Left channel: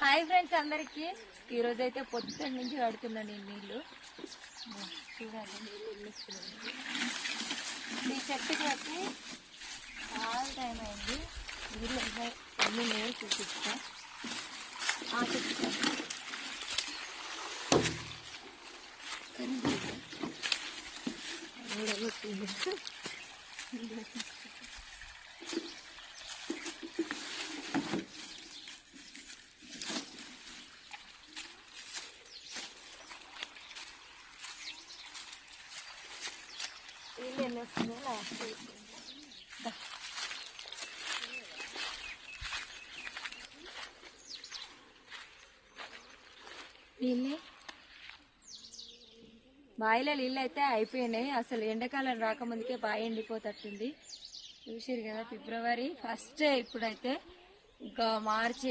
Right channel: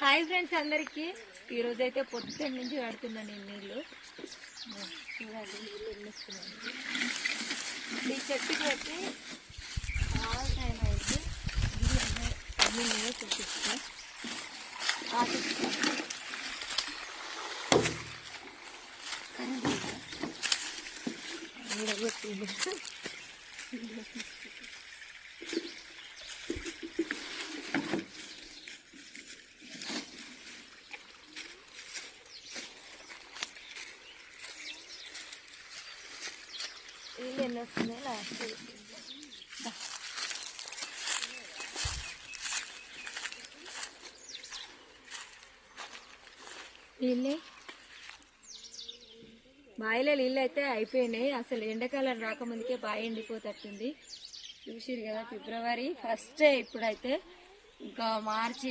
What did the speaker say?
Hi friends అందరికి ఈరోజు అయితే పొద్దున్న నుంచి పడుతున్నాను నీళ్ళు చూడండి. నీళ్ళు ఎన్నిస్తున్నాను ఈ చెట్టుకి వచ్చి చాలా టైం అయింది. నీళ్ళు అన్ని నేనే చూపిస్తా. నీళ్ళు ఎన్ని వస్తున్నాయి లాస్ట్ నీళ్ళు బావిలో నీళ్ళు అయితే అయిపోయినాయి. అసలు ఎండాకాలం రాకముందుకే బావి ఎండిపోతట్టుంది. చూసిరు కదా, ఫిబ్రవరి ఫస్ట్ ఇప్పుడైతే ఇంకా మార్చి